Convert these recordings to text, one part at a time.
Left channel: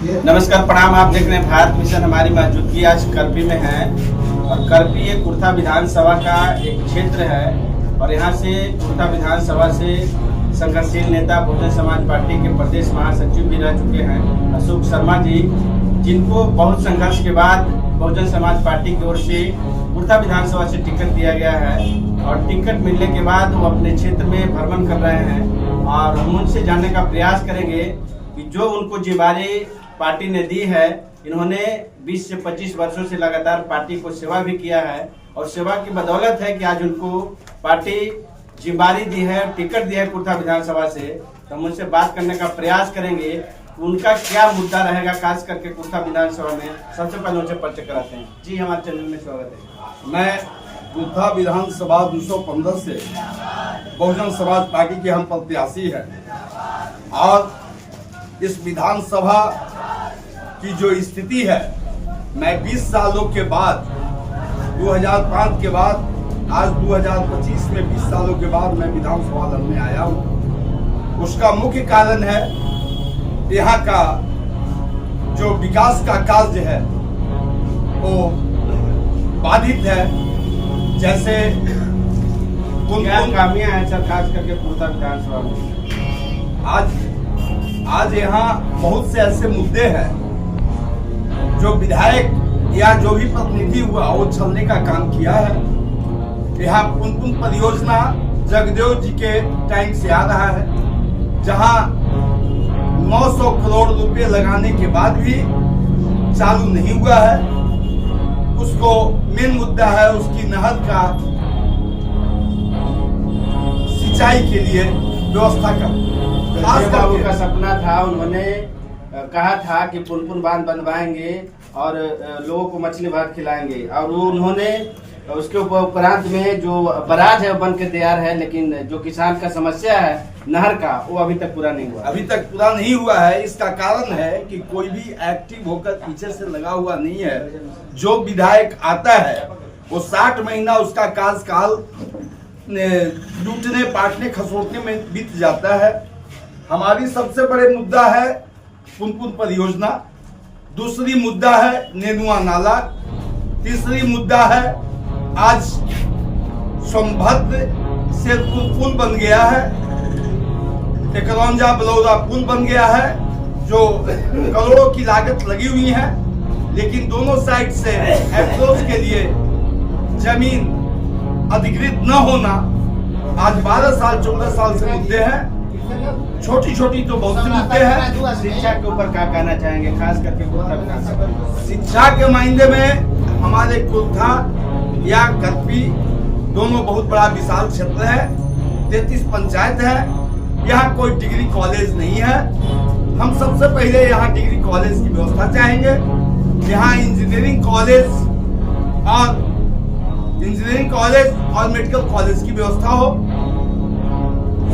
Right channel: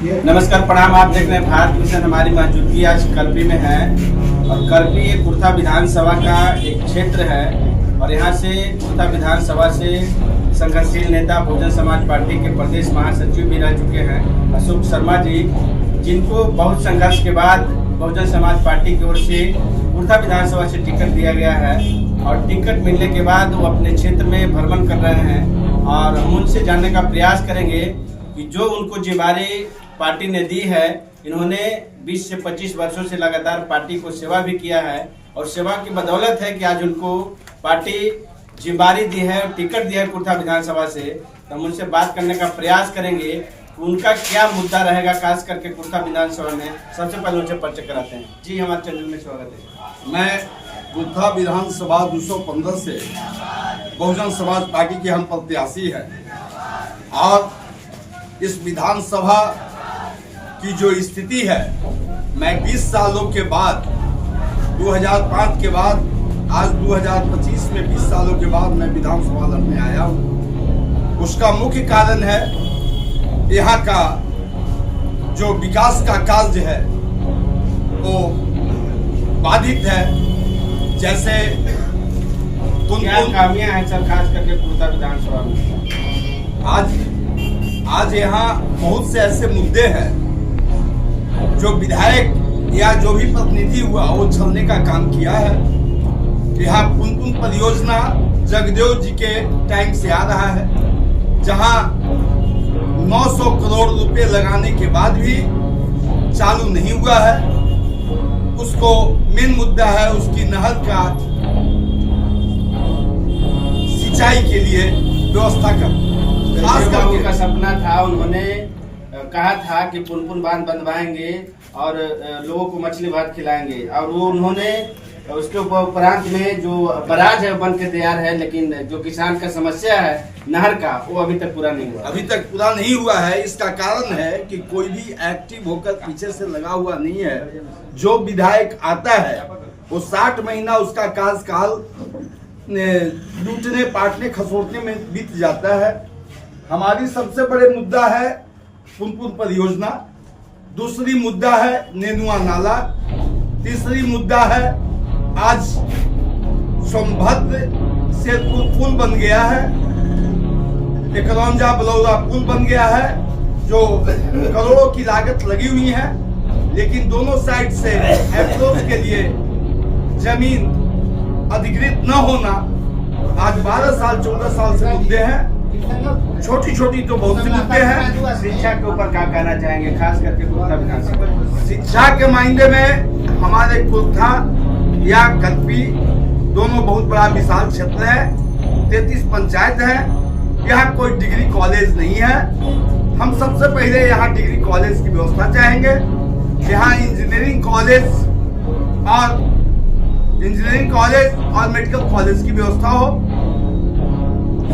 नमस्कार, प्रणाम। आप देख रहे हैं भारत मिशन। हमारी मौजूदगी आज करपी में है और करपी एक कुर्था विधानसभा का एक क्षेत्र है और यहाँ से कुर्था विधानसभा से संघर्षशील नेता बहुजन समाज पार्टी के प्रदेश महासचिव भी रह चुके हैं अशोक शर्मा जी, जिनको बहुत संघर्ष के बाद बहुजन समाज पार्टी की ओर से कुर्था विधानसभा से टिकट दिया गया है और टिकट मिलने के बाद वो अपने क्षेत्र में भ्रमण कर रहे हैं और हम उनसे जानने का प्रयास करेंगे कि जो उनको जिम्मेदारी पार्टी ने दी है। इन्होंने 20 से 25 वर्षों से लगातार पार्टी को सेवा भी किया है और सेवा की बदौलत है कि आज उनको पार्टी जिम्मेदारी दी है, टिकट दिया है कुर्था विधानसभा से। तो हम उनसे बात करने का प्रयास करेंगे कि उनका क्या मुद्दा रहेगा, खास करके कुर्था विधानसभा में। सबसे पहले उनसे परिचय कराते हैं। जी, हमारे चैनल में स्वागत है। मैं कुर्था विधानसभा 215 से बहुजन समाज पार्टी के हम प्रत्याशी हैं और इस विधानसभा की जो स्थिति है, मैं 20 सालों के बाद 2005 के बाद आज 2025 में 20 सालों के बाद मैं विधानसभा लड़ने आया हूँ। उसका मुख्य कारण है यहाँ का जो विकास का कार्य है वो बाधित है। जैसे क्या खामियां हैं सर, खास करके कुर्था विधानसभा में? आज यहाँ बहुत से ऐसे मुद्दे हैं जो विधायक या जो भी प्रतिनिधि हुआ वो छलने का काम किया है। यहाँ पुनपुन परियोजना जगदेव जी के टाइम से आ रहा है, जहाँ 900 करोड़ रुपए लगाने के बाद भी चालू नहीं हुआ है। उसको मेन मुद्दा है उसकी नहर का सिंचाई के लिए व्यवस्था करना। खास करके का सपना था, उन्होंने कहा था कि पुनपुन बांध बनवाएंगे और लोगों को मछली भात खिलाएंगे और वो उन्होंने उसके उपरांत में जो बराज है बन के तैयार है, लेकिन जो किसान का समस्या है नहर का वो अभी तक पूरा नहीं हुआ है। इसका कारण है कि कोई भी एक्टिव होकर पीछे से लगा हुआ नहीं है। जो विधायक आता है वो 60 महीना उसका कार्यकाल लूटने पाटने खसोटने में बीत जाता है। हमारी सबसे बड़े मुद्दा है पुनपुन परियोजना, दूसरी मुद्दा है नेनुआ नाला, तीसरी मुद्दा है आज सोनभद्र से पुल बन गया है, एकरौंजा बलौरा पुल बन गया है जो करोड़ों की लागत लगी हुई है, लेकिन दोनों साइड से अप्रोच के लिए जमीन अधिकृत न होना आज 12 साल 14 साल से मुद्दे हैं। छोटी छोटी तो बहुत सी मुद्दे हैं। शिक्षा के ऊपर क्या कहना चाहेंगे, खास करके कुर्था विधानसभा? शिक्षा के मायने में हमारे कुर्था या करपी दोनों बहुत बड़ा विशाल क्षेत्र है, 33 पंचायत है। यहाँ कोई डिग्री कॉलेज नहीं है। हम सबसे पहले यहाँ डिग्री कॉलेज की व्यवस्था चाहेंगे। यहाँ इंजीनियरिंग कॉलेज और मेडिकल कॉलेज की व्यवस्था हो।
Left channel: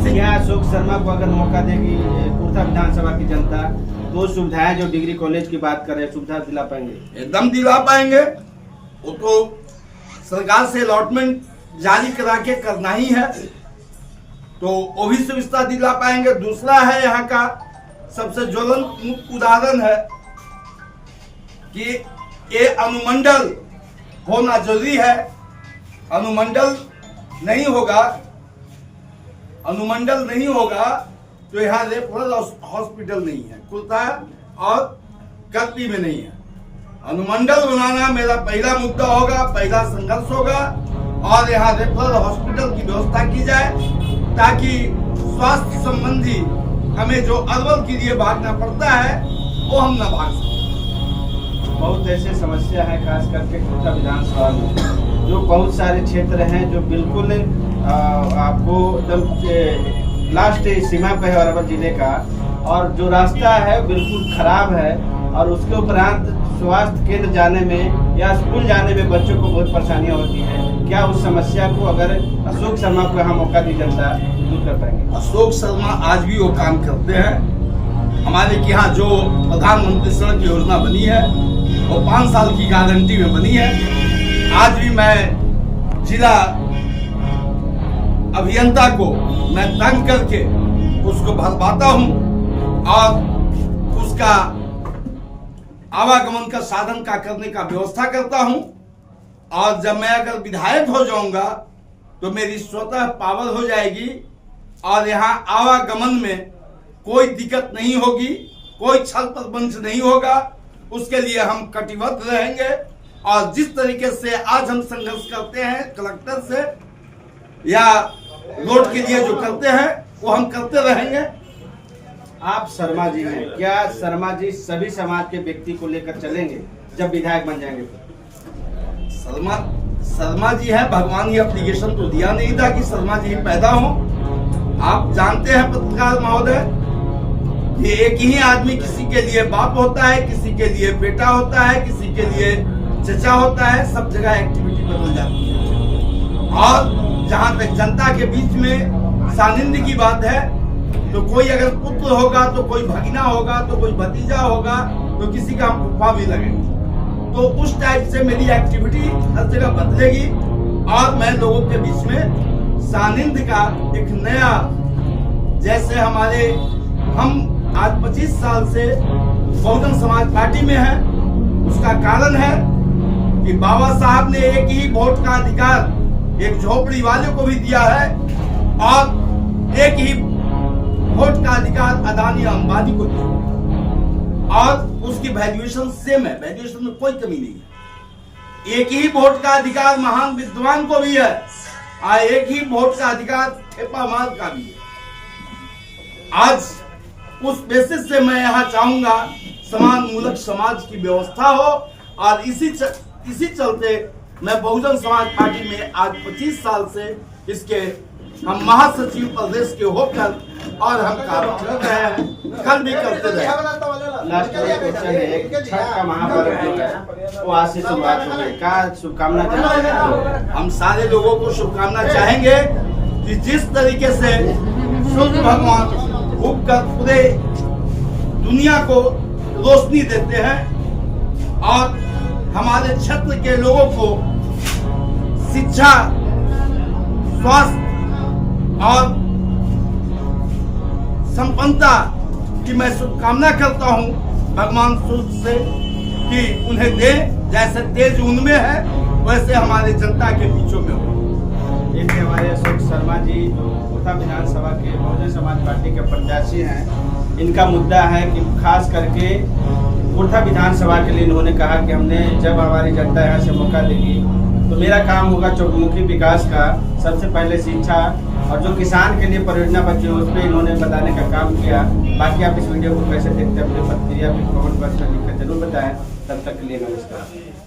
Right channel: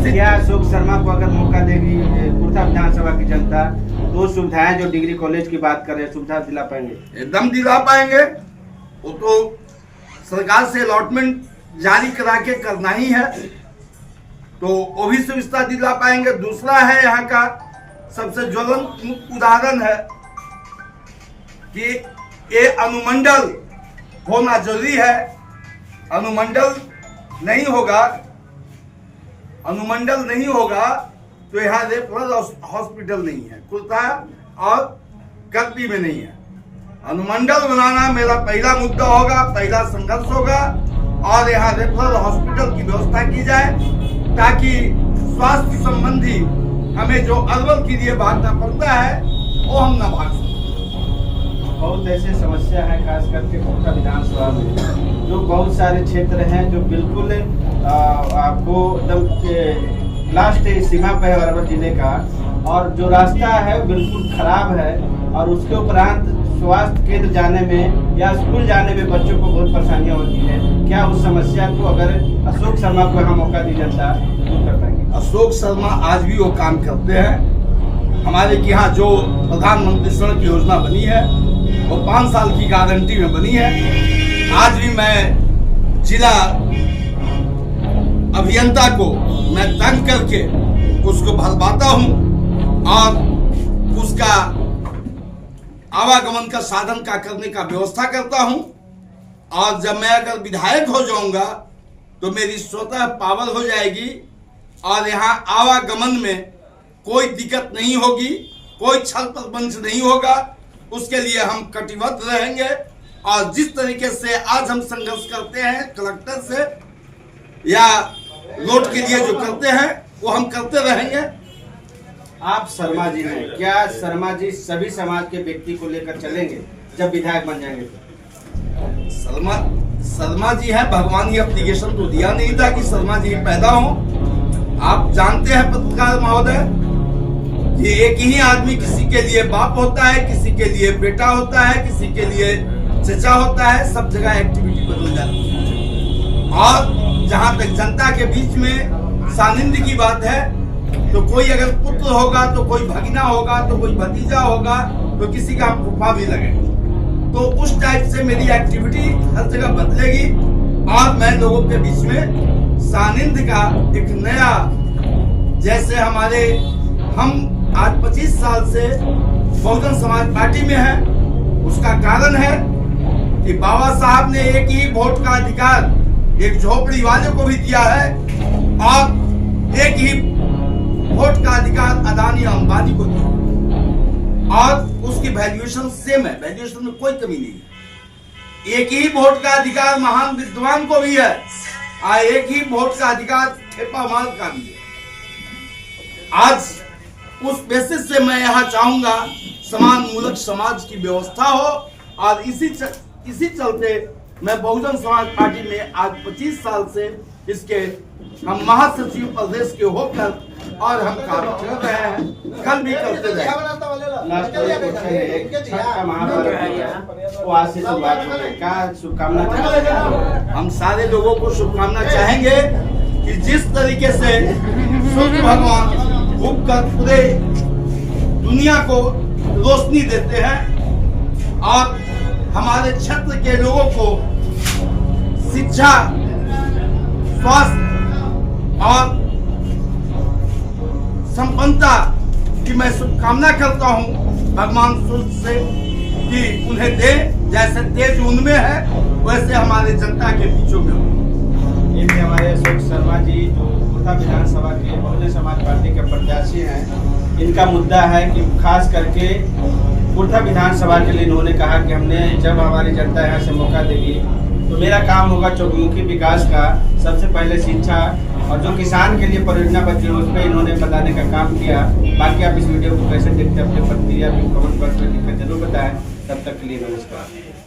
क्या अशोक शर्मा को अगर मौका देगी कुर्था विधानसभा की जनता तो सुविधाएं, जो डिग्री कॉलेज की बात करें, सुविधा दिला पाएंगे? एकदम दिला पाएंगे। वो तो सरकार से अलॉटमेंट जारी करा के करना ही है, तो वो भी सुविधा दिला पाएंगे। दूसरा है यहाँ का सबसे ज्वलंत उदाहरण है कि ये अनुमंडल होना जरूरी है। अनुमंडल नहीं होगा तो यहाँ रेफरल हॉस्पिटल नहीं है, कुर्था और करपी में नहीं है। अनुमंडल बनाना मेरा पहला मुद्दा होगा, पहला संघर्ष होगा और यहाँ रेफरल हॉस्पिटल की व्यवस्था की जाए ताकि स्वास्थ्य संबंधी हमें जो अरवल के लिए भागना पड़ता है वो हम न भाग सकें। बहुत ऐसे समस्या है खास करके कुर्था विधानसभा में, जो बहुत सारे क्षेत्र हैं जो बिल्कुल आपको एकदम लास्ट सीमा पे है अरवल जिले का, और जो रास्ता है बिल्कुल खराब है और उसके उपरांत स्वास्थ्य केंद्र जाने में या स्कूल जाने में बच्चों को बहुत परेशानियां होती है। क्या उस समस्या को अगर अशोक शर्मा को यहाँ मौका दी जनता दूर कर पाएंगे? अशोक शर्मा आज भी वो काम करते हैं। हमारे यहाँ जो प्रधानमंत्री सड़क योजना बनी है वो 5 साल की गारंटी में बनी है। आज भी मैं जिला अभियंता को मैं तंग करके उसको भरवाता हूँ और उसका आवागमन का साधन का करने का व्यवस्था करता हूं। और जब मैं अगर विधायक हो जाऊंगा तो मेरी स्वतः पावर हो जाएगी और यहाँ आवागमन में कोई दिक्कत नहीं होगी, कोई छल प्रपंच नहीं होगा। उसके लिए हम कटिबद्ध रहेंगे और जिस तरीके से आज हम संघर्ष करते हैं कलेक्टर से या रोड के लिए जो करते हैं वो हम करते रहेंगे। आप शर्मा जी हैं, क्या शर्मा जी सभी समाज के व्यक्ति को लेकर चलेंगे जब विधायक बन जाएंगे तो? शर्मा जी है, भगवान ही एप्लीकेशन तो दिया नहीं था कि शर्मा जी पैदा हो। आप जानते हैं पत्रकार महोदय, ये एक ही आदमी किसी के लिए बाप होता है, किसी के लिए बेटा होता है, किसी के लिए चचा होता है, सब जगह एक्टिविटी बदल जाती है। और जहां तक जनता के बीच में सानिध्य की बात है तो कोई अगर पुत्र होगा तो कोई भगिना होगा तो कोई भतीजा होगा तो किसी का फूफा भी लगेगा। तो उस टाइप से मेरी एक्टिविटी हर जगह बदलेगी और मैं लोगों के बीच में सानिध्य का एक नया, जैसे हम आज 25 साल से बहुजन समाज पार्टी में हैं। उसका कारण है कि बाबा साहब ने एक ही वोट का अधिकार एक झोपड़ी वाले को भी दिया है और एक ही वोट का अधिकार अदानी अंबानी को दिया और उसकी वैल्यूएशन सेम है, वैल्यूएशन में कोई कमी नहीं है। एक ही वोट का अधिकार महान विद्वान को भी है और एक ही वोट का अधिकार ठेपा माल का भी है। आज उस बेसिस से मैं यहाँ चाहूंगा समान मूलक समाज की व्यवस्था हो और इसी चलते मैं बहुजन समाज पार्टी में आज 25 साल से इसके हम महासचिव प्रदेश के होकर और हम काम कर रहे हैं, कल भी करते रहे। लास्ट क्वेश्चन है, एक छठ का महापर्व जो है वो आज से शुरुआत हो गई, क्या शुभकामना चाहते हैं? हम सारे लोगों को शुभकामना चाहेंगे कि जिस तरीके से सूर्य भगवान उगकर पूरे दुनिया को रोशनी देते हैं और हमारे क्षेत्र के लोगों को शिक्षा, स्वास्थ्य और संपन्नता की मैं शुभकामना करता हूं भगवान सूर्य से कि उन्हें दे, जैसे तेज उनमें है वैसे हमारे जनता के बीचों में हो। एक हमारे अशोक शर्मा जी जो कुर्था विधानसभा के बहुजन समाज पार्टी के प्रत्याशी हैं, इनका मुद्दा है कि खास करके कुर्था विधानसभा के लिए इन्होंने कहा कि हमने जब हमारी जनता यहाँ से मौका देगी तो मेरा काम होगा चौमुखी विकास का, सबसे पहले शिक्षा और जो किसान के लिए परियोजना बची उस पर इन्होंने बताने का काम किया। बाकी आप इस वीडियो को कैसे देखते हैं अपने प्रतिक्रिया कमेंट बॉक्स में लिखकर जरूर बताएं। तब तक के लिए नमस्कार।